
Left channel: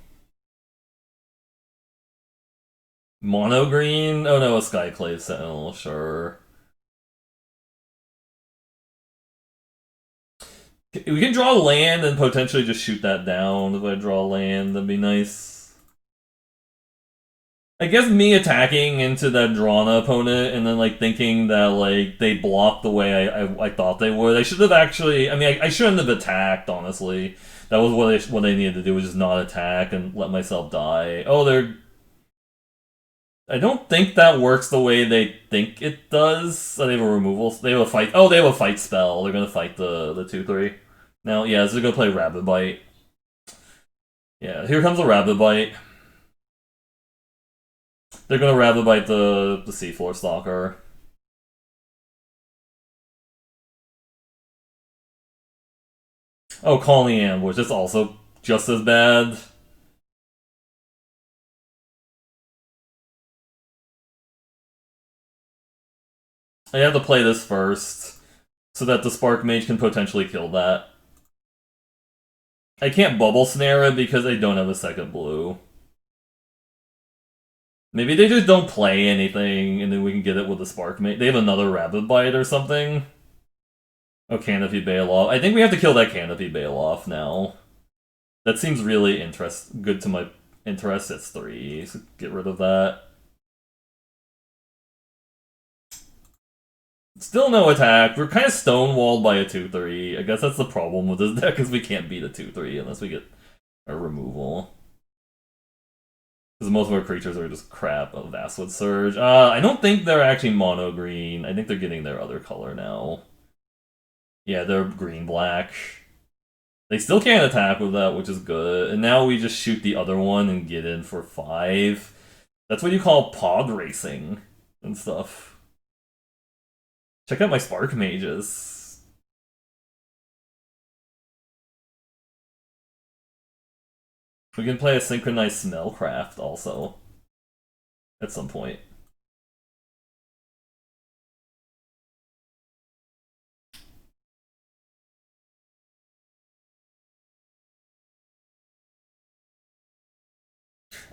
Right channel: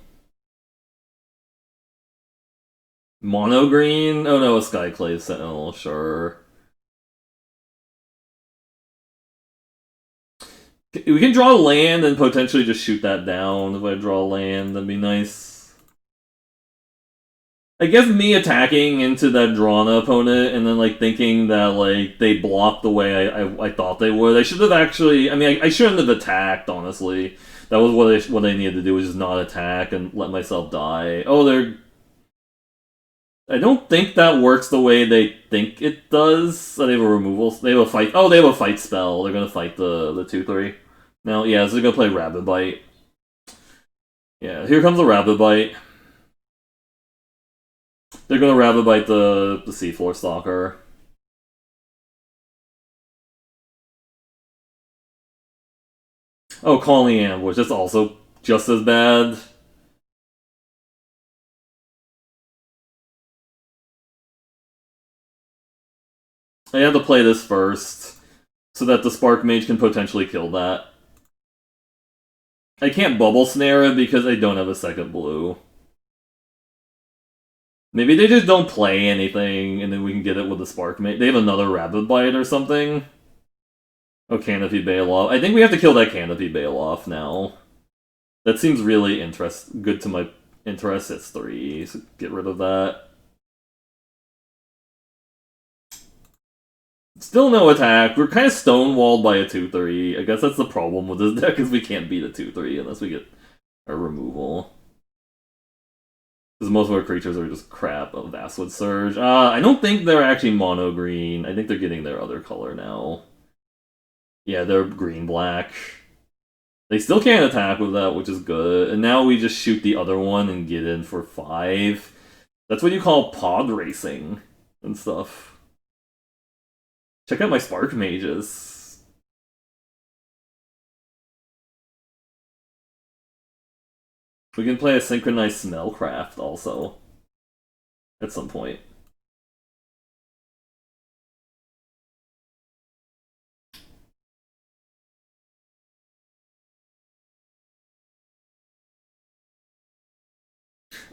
Mono green? Oh no, a Skyclave Sentinel, sure. We can draw land and potentially just shoot that down. If I draw land, that'd be nice. I guess me attacking into that Drana opponent and then like thinking that like they blocked the way I thought they would. I should have actually. I mean, I shouldn't have attacked. Honestly, that was what they needed to do, was just not attack and let myself die. Oh, they're I don't think that works the way they think it does. They have a removal. They have a fight. Oh, they have a fight spell. They're gonna fight the 2/3. Now, yeah, so they're gonna play Rabbit Bite. Yeah, here comes a Rabbit Bite. They're gonna Rabbit Bite the Seafloor Stalker. Oh, Calling Ambush. That's also just as bad. I have to play this first so that the Spark Mage can potentially kill that. I can't Bubble Snare it because I don't have a second blue. Maybe they just don't play anything and then we can get it with the Spark Mage. They have another Rabbit Bite or something. Oh, Canopy Bailoff. I think we have to kill that Canopy Bailoff now. That seems really good to my interest. It's 3, so get rid of that. Still no attack. We're kind of stonewalled by a 2/3. I guess that's the problem with this deck, is we can't beat a 2/3 unless we get a removal. Because most of our creatures are just crap. Of Vastwood Surge. I don't think they're actually mono green. I think they're getting their other color now. Yeah, they're green-black. They still can't attack with that, which is good. And now we just shoot the other one and get in for 5. That's what you call pod racing and stuff. Check out my Spark Mages. We can play a Synchronized Smellcraft also. At some point.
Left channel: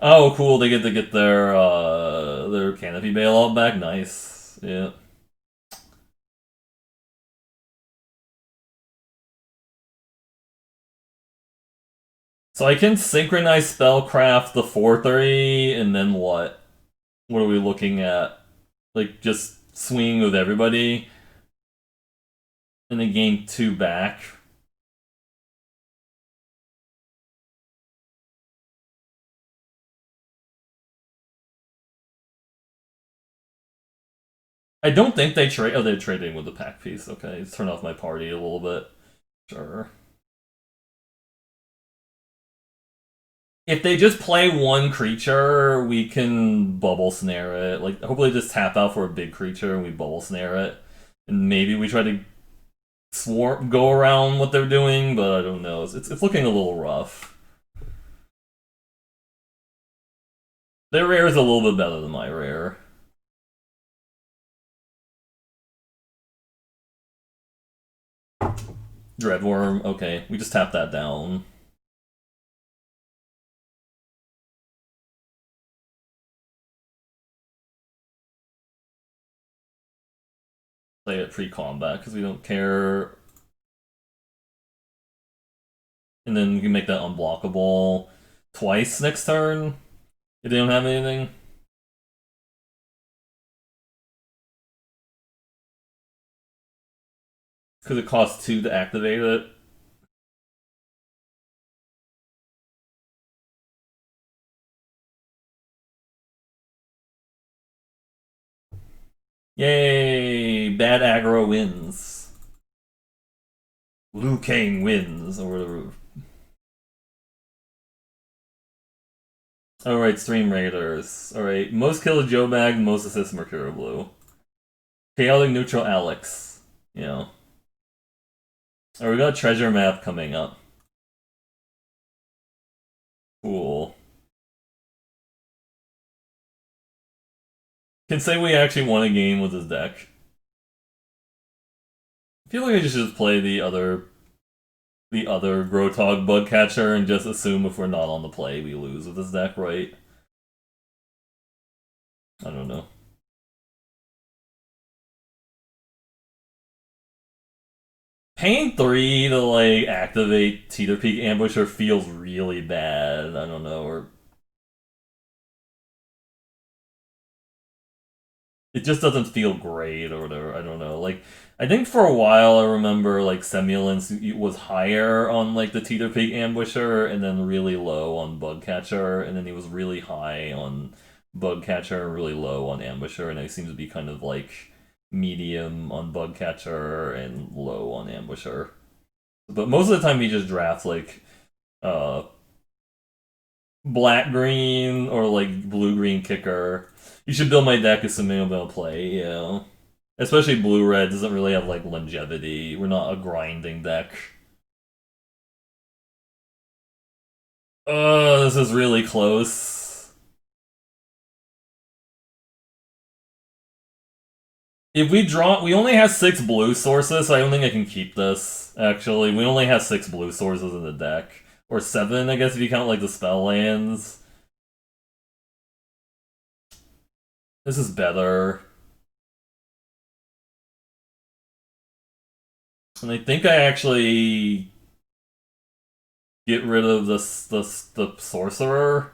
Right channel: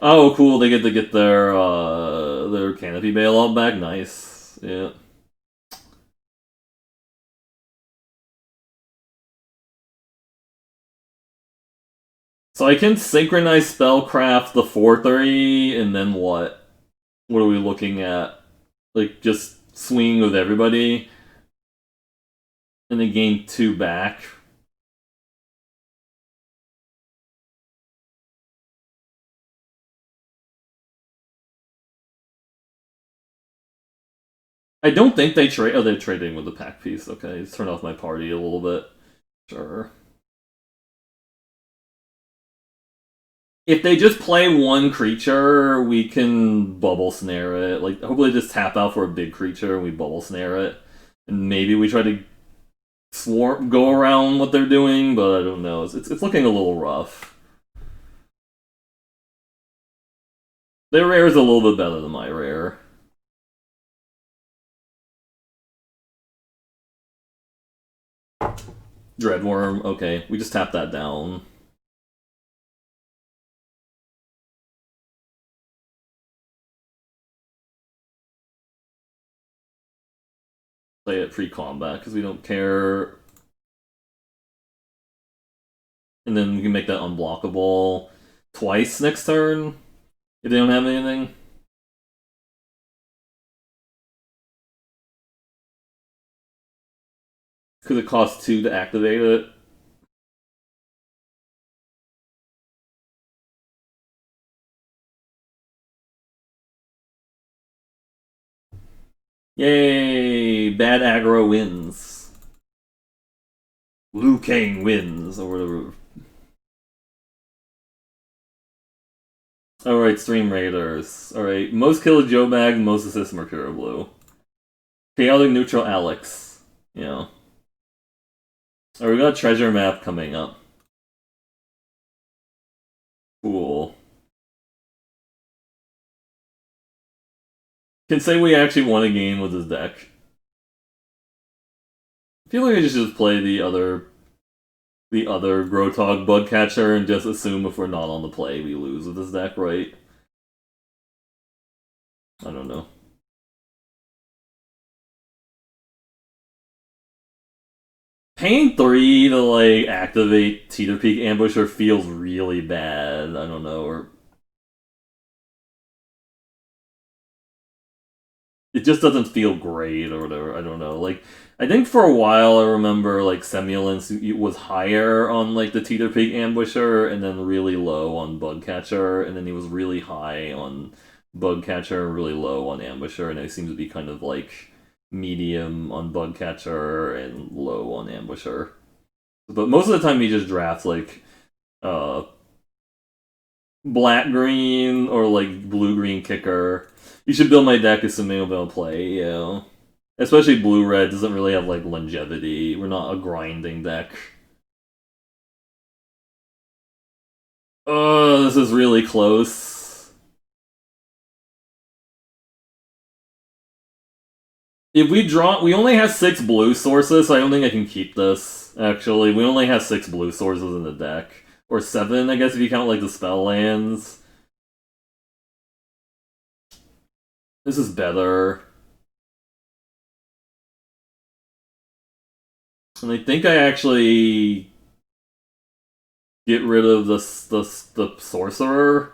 Oh, cool! They get to get their Canopy Bailoff back. Nice, yeah. So I can synchronize Spellcraft the 4/3, and then what? What are we looking at? Like just swinging with everybody, and then gain 2 back. I don't think they trade. Oh, they're trading with the pack piece. Okay, let's turn off my party a little bit. Sure. If they just play one creature, we can bubble snare it. Like, hopefully just tap out for a big creature and we bubble snare it. And maybe we try to go around what they're doing, but I don't know. It's looking a little rough. Their rare is a little bit better than my rare. Dreadworm, okay. We just tap that down. Play it pre-combat because we don't care. And then we can make that unblockable twice next turn if they don't have anything. Because it costs 2 to activate it. Yay! Bad aggro wins. Liu Kang wins, or whatever. Alright, Stream Raiders. Alright, most kill Joe Bag, most assist Mercurial Blue. Chaotic Neutral Alex. Yeah. Alright, we got a treasure map coming up. Cool. Can say we actually won a game with this deck. I feel like I should just play the other Grotog Bugcatcher and just assume if we're not on the play, we lose with this deck, right? I don't know. Paying 3 to, like, activate Teeter Peak Ambusher feels really bad. I don't know, or... It just doesn't feel great, or whatever. I don't know. Like, I think for a while I remember, like, Semulence was higher on, like, the Teeter Peak Ambusher, and then really low on Bugcatcher, and then he was really high on Bugcatcher, really low on Ambusher, and I seem to be kind of like medium on Bugcatcher and low on Ambusher. But most of the time, he just drafts like uh, black green or like blue green kicker. You should build my deck assuming I'm gonna play, yeah. Especially blue red doesn't really have like longevity. We're not a grinding deck. Oh, this is really close. If we draw, we only have 6 blue sources, so I don't think I can keep this. Actually, we only have 6 blue sources in the deck, or 7, I guess, if you count like the spell lands. This is better, and I think I actually get rid of the sorcerer.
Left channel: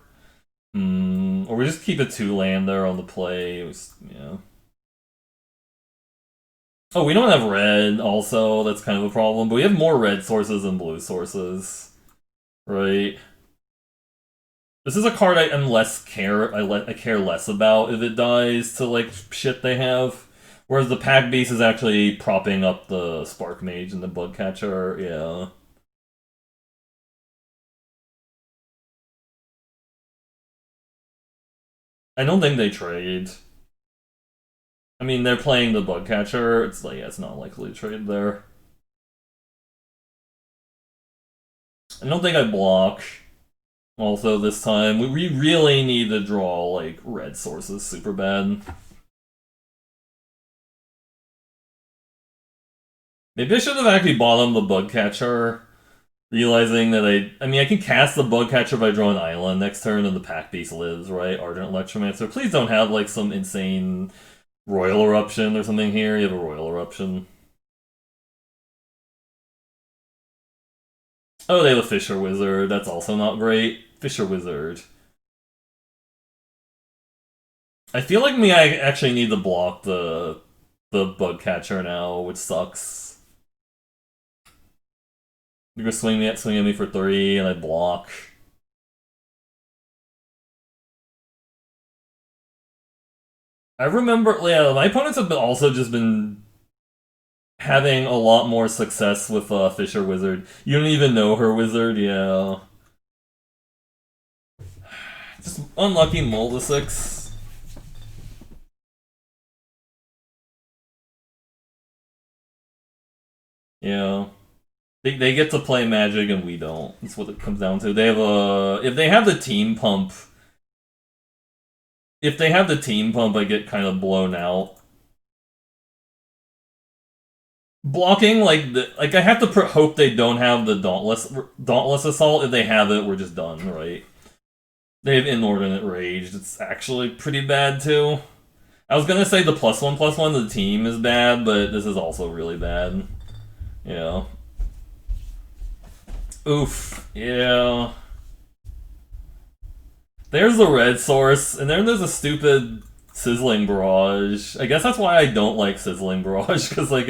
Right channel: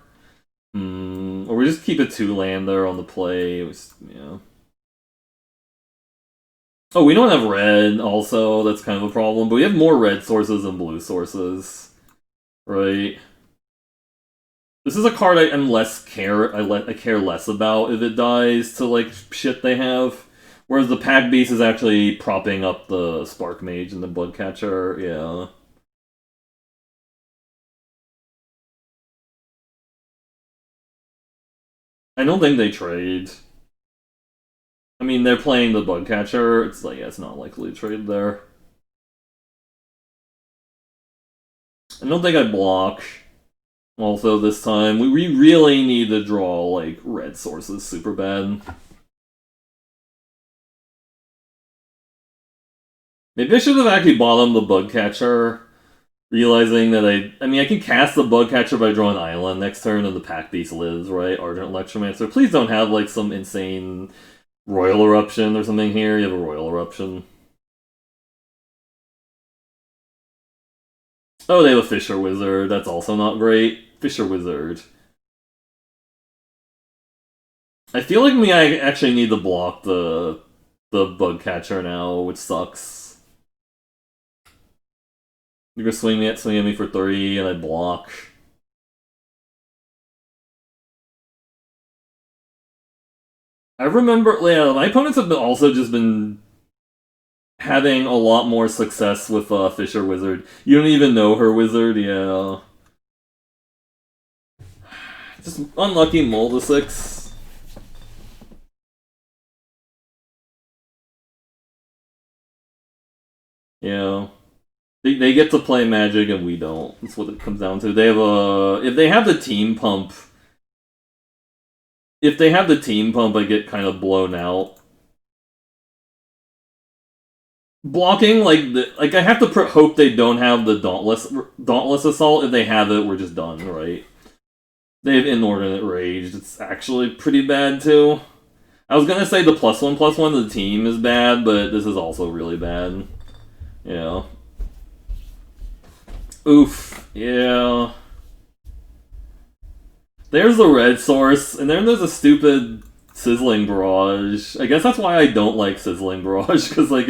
Or we just keep a 2-lander on the play. Yeah. Oh, we don't have red, also. That's kind of a problem. But we have more red sources than blue sources. Right? This is a card I'm less care... I care less about if it dies to, like, shit they have. Whereas the pack beast is actually propping up the Spark Mage and the Bloodcatcher. Yeah. I don't think they trade. I mean, they're playing the Bugcatcher. It's like, yeah, it's not likely to trade there. I don't think I block. Also, this time, we really need to draw, like, red sources super bad. Maybe I should have actually bottomed the Bugcatcher, realizing that I mean, I can cast the Bugcatcher by drawing an island next turn and the Pack Beast lives, right? Ardent Electromancer. Please don't have, like, some insane Royal Eruption or something here. You have a Royal Eruption. Oh, they have a Fisher Wizard. That's also not great. Fisher Wizard. I feel like I actually need to block the Bugcatcher now, which sucks. You're gonna swing at me for 3, and I block. I remember, yeah, my opponents have also just been having a lot more success with Fisher Wizard. You don't even know her wizard, yeah. Just unlucky Moldasix. Yeah. They get to play Magic and we don't. That's what it comes down to. They have a... If they have the team pump... If they have the team pump, I get kind of blown out. Blocking, like I have to hope they don't have the Dauntless Assault. If they have it, we're just done, right? They have Inordinate Rage. It's actually pretty bad, too. I was gonna say the +1/+1 to the team is bad, but this is also really bad. Yeah. Oof. Yeah. There's the red source, and then there's a stupid Sizzling Barrage. I guess that's why I don't like Sizzling Barrage, because, like,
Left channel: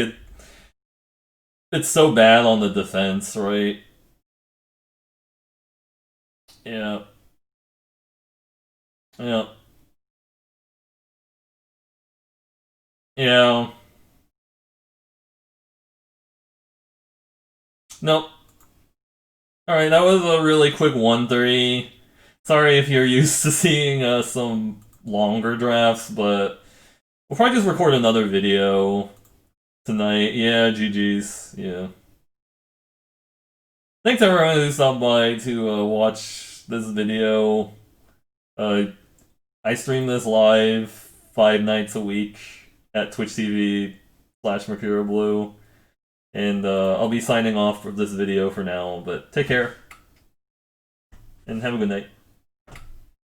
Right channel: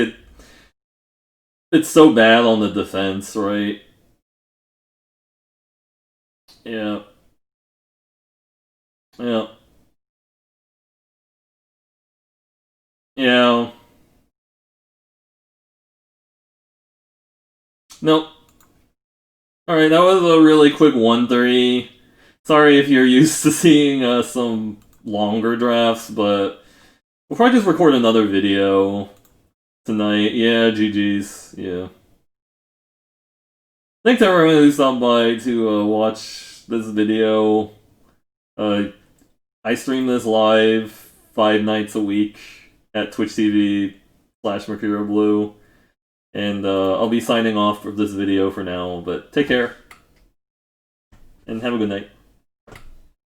it's so bad on the defense, right? Yeah. Yeah. Yeah. Nope. Alright, that was a really quick 1-3. Sorry if you're used to seeing some longer drafts, but we'll probably just record another video tonight. Yeah, GG's. Yeah. Thanks everyone who stopped by to watch this video. I stream this live 5 nights a week at Twitch TV/Mercurial Blue. And I'll be signing off for this video for now, but take care and have a good night.